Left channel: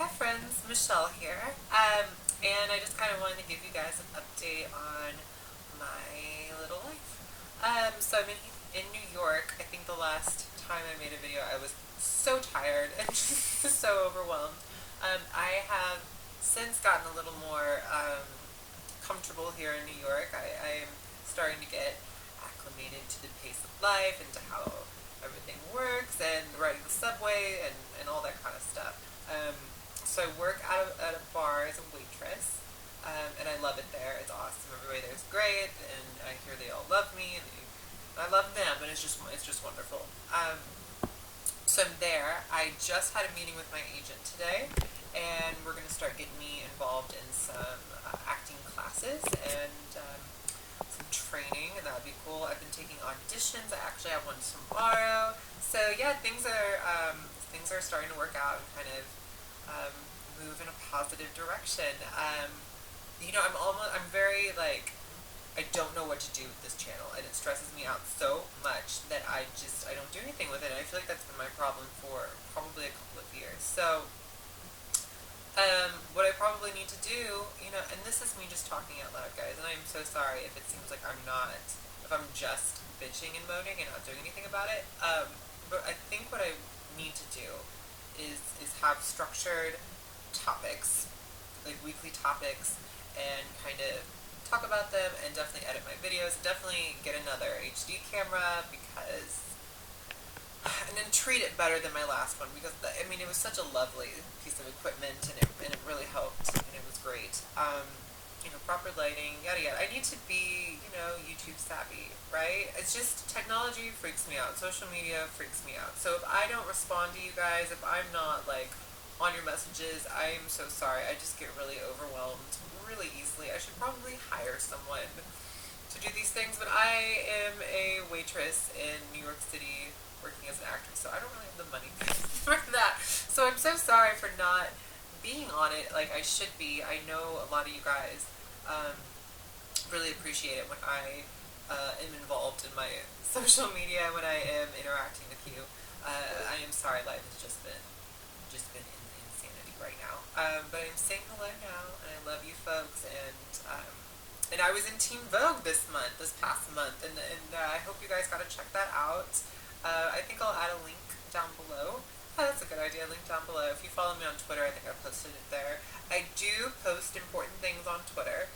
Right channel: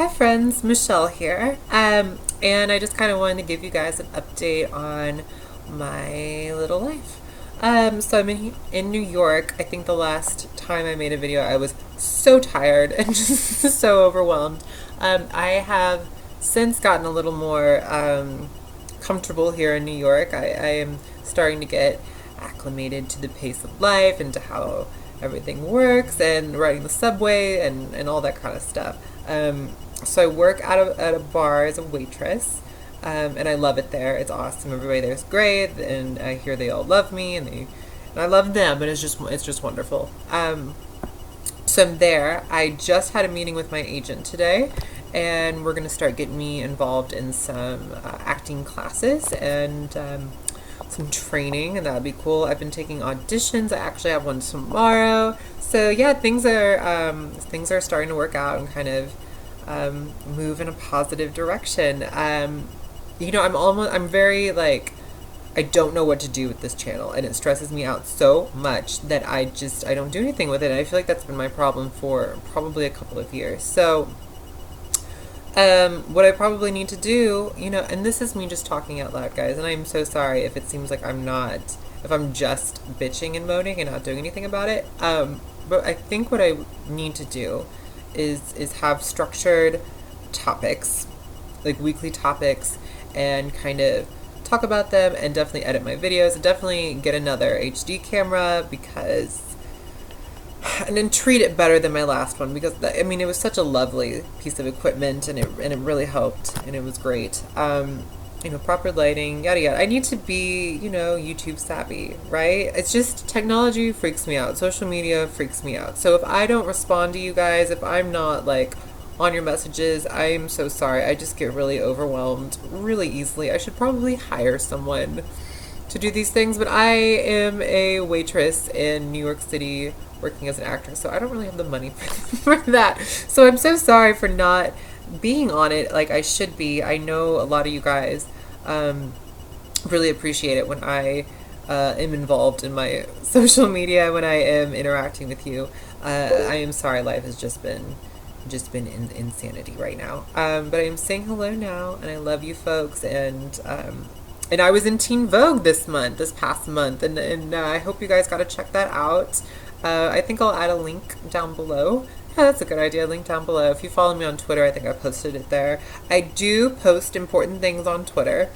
Hi friends, Michelle here. And I just kind of wanted to give you guys an update on my little life. So I'm in New York. I think the last time I made a video, I was so tired and just so overwhelmed. I have since gotten a little more comfortable here in New York. I am starting to get acclimated to the pace of life and to how everything works and riding the subway and all that kind of stuff. So I work at a bar as a waitress, and I love it there. It's awesome. Everybody there is great, and I hear they all love me, and I love them, and it's just wonderful. So I'm there. I just had a meeting with my agent today, and we're gonna start getting me involved in some acting classes and some training, and that would be cool. I've been taking auditions. I actually have one tomorrow. So yeah, things are starting to work out and kind of move in a positive direction. I'm very like, I don't know what to do with this channel, and it stresses me out so much that I don't do anything with it. And I feel like that's been my problem for probably a couple of years. So what I probably need to do, and this is me just talking out loud, guys, and I'm so sorry if it seems like if I'm just bitching and moaning and not doing anything about it. But I think what I need to do is have structured topics, like weekly topics, and kind of talk about them, and definitely edit my videos, and definitely get another HD camera and then treat it better than my last one, because it was such a lovely piece of equipment, and it really helped, and it was great. Proper lighting, yada yada. I need to be, YouTube savvy, right? It's just technology freaks me out. Social media freaks me out. So if I don't respond to you guys, if I'm not like on your messages, I'm so sorry. I just get really overwhelmed really easily. I should probably hire someone to do these things, but I am a waitress in New York City working as an actress, so I don't really have the money for that. So I'm so sorry for not being on it like I should be. I know a lot of you guys really appreciate it when I am involved in my social media, when I am interacting with you. I am sorry, life has just been insanity right now. But I'm saying hello now, and I love you folks, and I was in Teen Vogue this past month, and I hope you guys got to check that out. I think I'll add a link down below. Yeah, that's a good idea. Link down below. If you follow me on Twitter, I think I posted it there. I do post important things on Twitter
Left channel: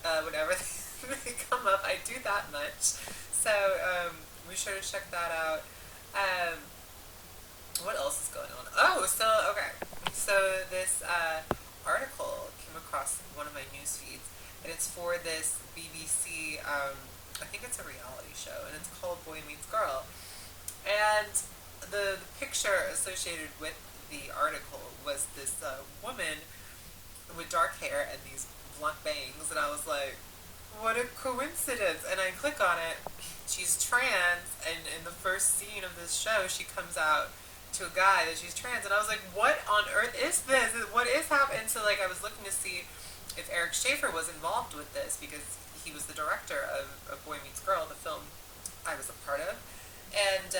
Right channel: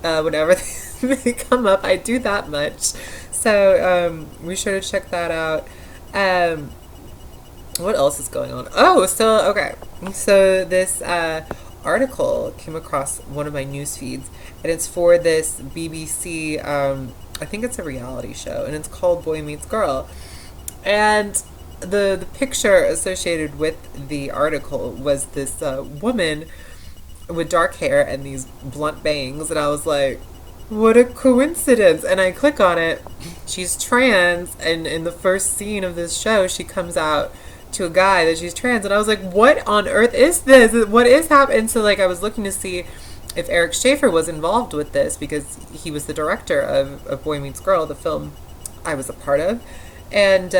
whenever they come up. I do that much. So be sure to check that out. What else is going on? Oh, so, okay. So this article came across one of my news feeds, and it's for this BBC, I think it's a reality show, and it's called Boy Meets Girl. And the picture associated with the article was this woman with dark hair and these blunt bangs, and I was like, what a coincidence. And I click on it. She's trans, and in the first scene of this show, she comes out to a guy that she's trans, and I was like, what on earth is this? What is happening? So like, I was looking to see if Eric Schaefer was involved with this, because he was the director of Boy Meets Girl, the film I was a part of. And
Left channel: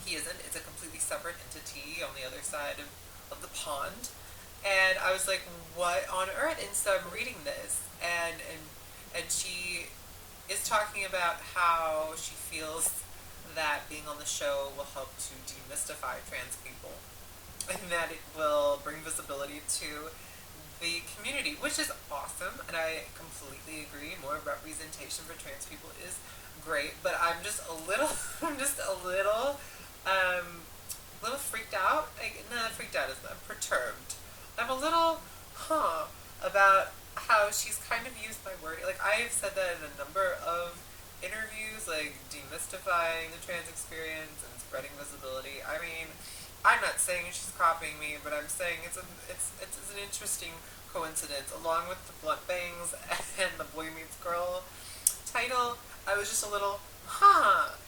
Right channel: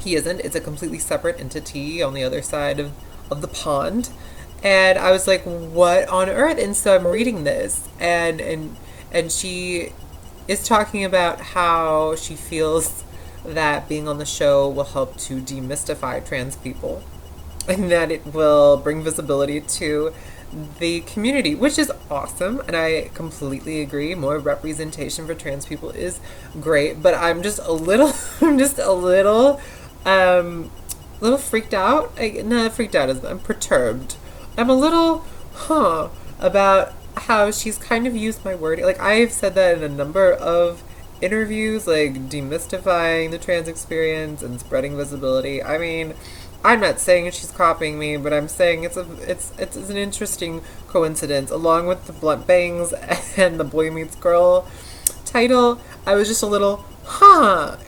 he isn't. It's a completely separate entity on the other side of the pond. And I was like, what on earth? And so I'm reading this, and she is talking about how she feels that being on the show will help to demystify trans people, and that it will bring visibility to the community, which is awesome, and I completely agree. More representation for trans people is great, but I'm just a little little freaked out. Freaked out is, I'm perturbed. I'm a little about how she's kind of used my word. Like, I've said that in a number of interviews, like demystifying the trans experience and spreading visibility. I mean, I'm not saying she's copying me, but I'm saying it's an interesting coincidence. Along with the blunt bangs and the Boy Meets Girl title, I was just a little,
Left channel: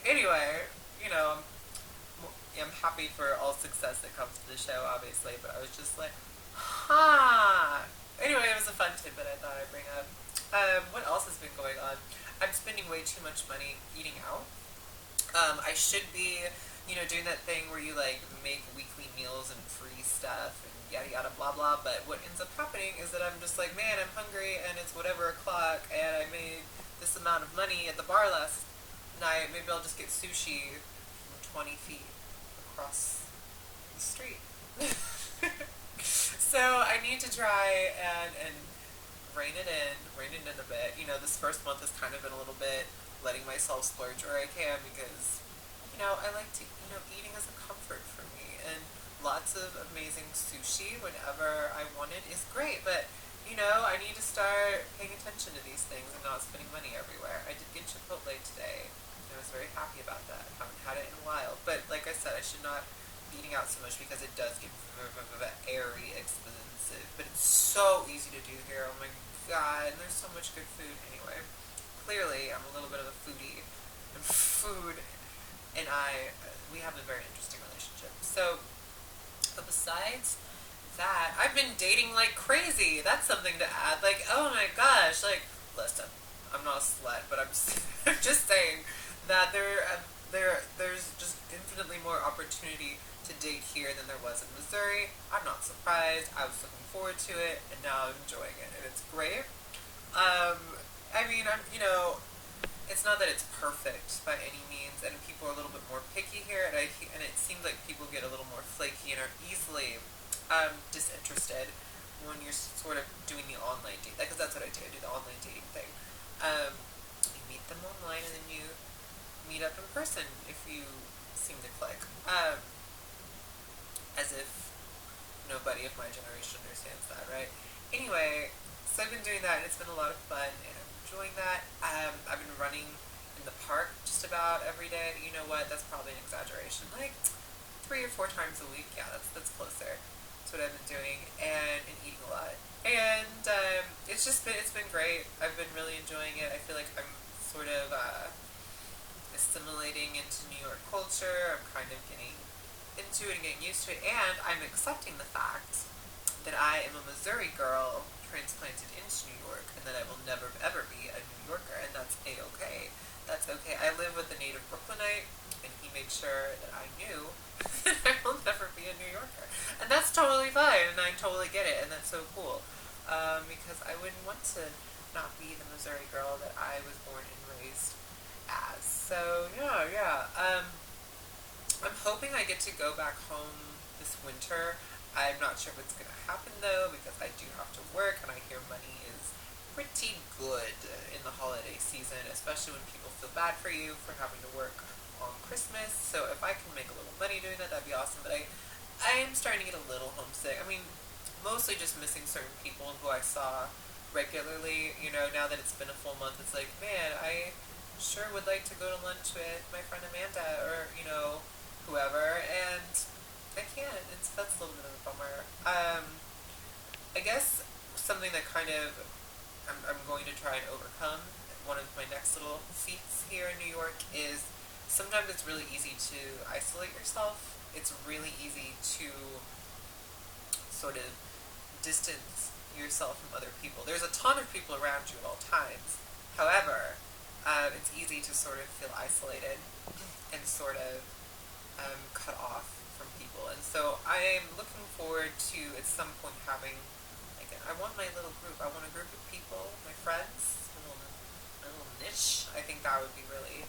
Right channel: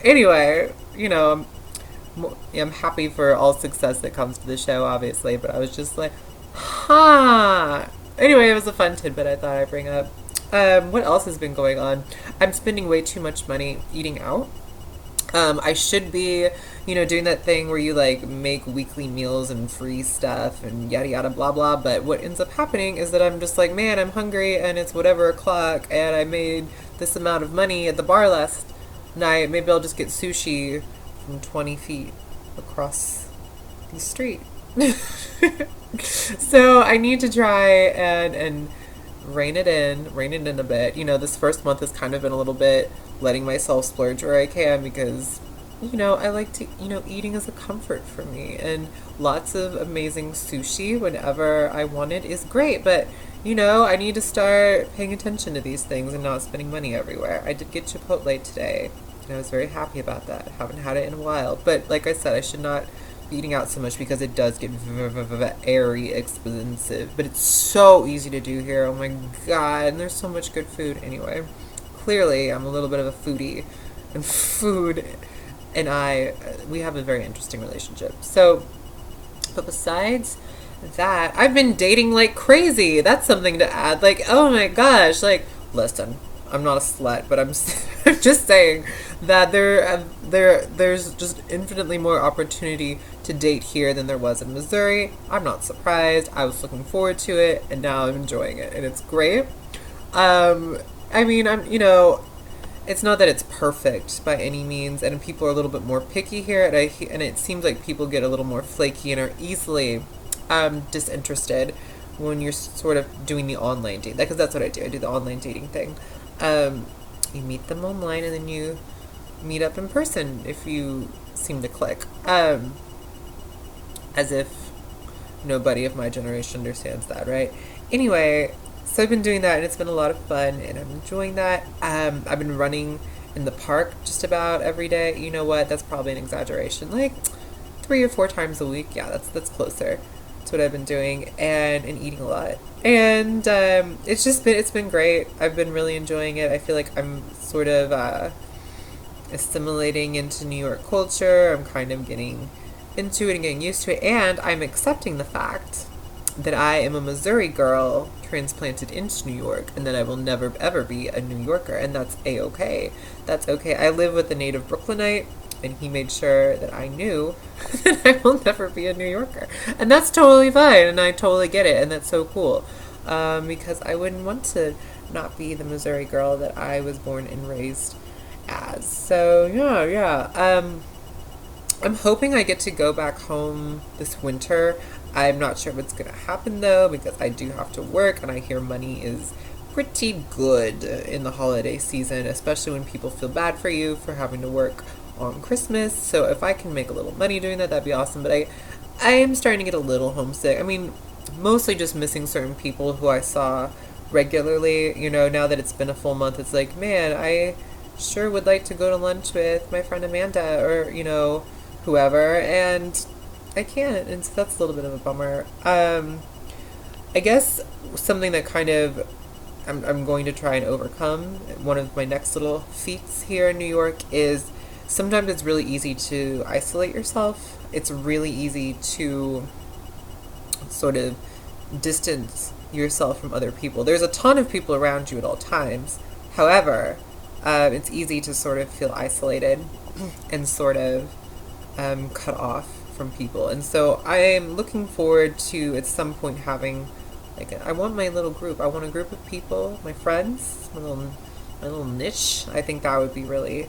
Anyway, I'm happy for all success that comes to the show, obviously, but I was just like, Anyway, it was a fun tidbit I thought I'd bring up. What else has been going on? I'm spending way too much money eating out. I should be doing that thing where you like make weekly meals and free stuff and yada yada blah blah. But what ends up happening is that I'm just like, man, I'm hungry and it's whatever o'clock and I made this amount of money at the bar last night. Maybe I'll just get sushi from 20 feet across the street. So I need to try and rein it in a bit. This first month has kind of been a little bit letting myself splurge where I can because, I like to, eating is a comfort for me, and lots of amazing sushi whenever I want it is great, but, I need to start paying attention to these things and not spending money everywhere. I did get Chipotle today, and I was very happy about that. I haven't had it in a while, but like I said, I should not be eating out so much because it does get very expensive, but it's so easy to do here. Oh my god, and there's so much good food. Anyway, clearly I'm a little bit of a foodie, and food and we have a very interesting relationship. So, but besides that, I've been dating like crazy. That's something to add. Like, oh my gosh, like, listen, I'm not a slut, but I'm I'm just saying that there's just infinitely more opportunity to date here than there was in Missouri. I'm not surprised. I was looking forward to it, and now I'm enjoying it, and it's great. I mean, it's not that it's perfect by any means, and people are a little bit more picky here, and it seems like people get a little more flaky and are easily disinterested when you're sort of doing the online date. Because that's what I do. I do the online dating thing. You meet them online, and then you meet up in person if you seem to click. As if nobody of my generation understands that, right? Anyway, so I've been doing that, and it's been a lot of fun, and I'm enjoying that. I've been running in the park just about every day. You know what? That's probably an exaggeration. Like 3 or 4 times a week. Yeah, that's closer. That's what I've been doing, and eating a lot. And it's been great. I've been really enjoying it. I feel like I'm sort of assimilating into New York culture. I'm kind of getting into it and getting used to it, and I'm accepting the fact that I am a Missouri girl transplanted into New York, and that I will never ever be a New Yorker, and that's a-okay. That's okay. I live with a native Brooklynite, and he made sure that I knew that I will never be a New Yorker, and that's totally fine, and I totally get it, and that's so cool, because I wouldn't want to not be the Missouri girl that I was born and raised as. So yeah. I'm hoping I get to go back home this winter. I'm not sure what's going to happen though, because I do have to work, and I hear money is pretty good in the holiday season, especially when people feel bad for you for having to work on Christmas. So if I can make a little money doing that, that'd be awesome. But I am starting to get a little homesick. I mean, mostly just missing certain people who I saw regularly. Now that it's been a full month, it's like, man, I sure would like to go to lunch with my friend Amanda, or whoever, and I can't, and so that's a little bit of a bummer. I guess something that kind of I'm going to try and overcome, one of my next little feats here in New York, is sometimes it's really easy to isolate yourself. It's really easy to sort of distance yourself from other people. There's a ton of people around you at all times. However, it's easy to sort of feel isolated and sort of cut off from people. And so I am looking forward to at some point having I want my little group. I want a group of people, my friends, my little niche. I think that would be really,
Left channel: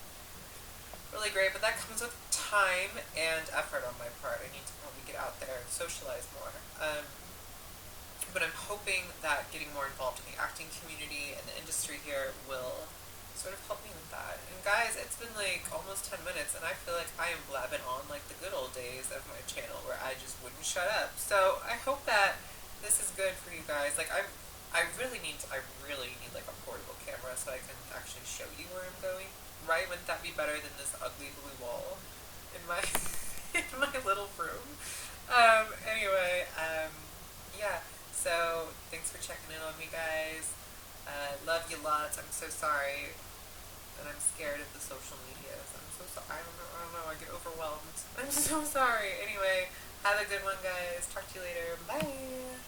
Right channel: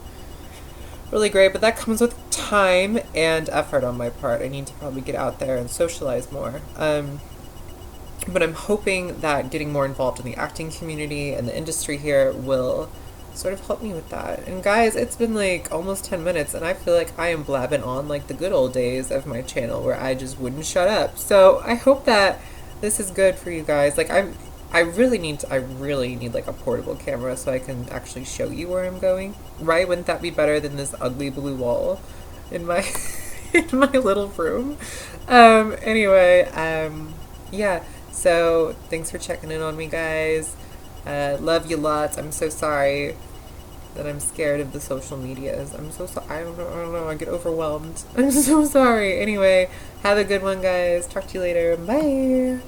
really great. But that comes with time and effort on my part. I need to probably get out there and socialize more. But I'm hoping that getting more involved in the acting community and the industry here will sort of help me with that. And guys, it's been like almost 10 minutes, and I feel like I am blabbing on like the good old days of my channel where I just wouldn't shut up. So I hope that this is good for you guys. Like I really need like a portable camera so I can actually show you where I'm going. Right? Wouldn't that be better than this ugly blue wall in my in my little room? Anyway, yeah. So thanks for checking in on me, guys. Love you lots. I'm so sorry that I'm scared of the social medias. I'm so sorry. I don't know. I get overwhelmed. I'm so sorry. Anyway, have a good one, guys. Talk to you later. Bye.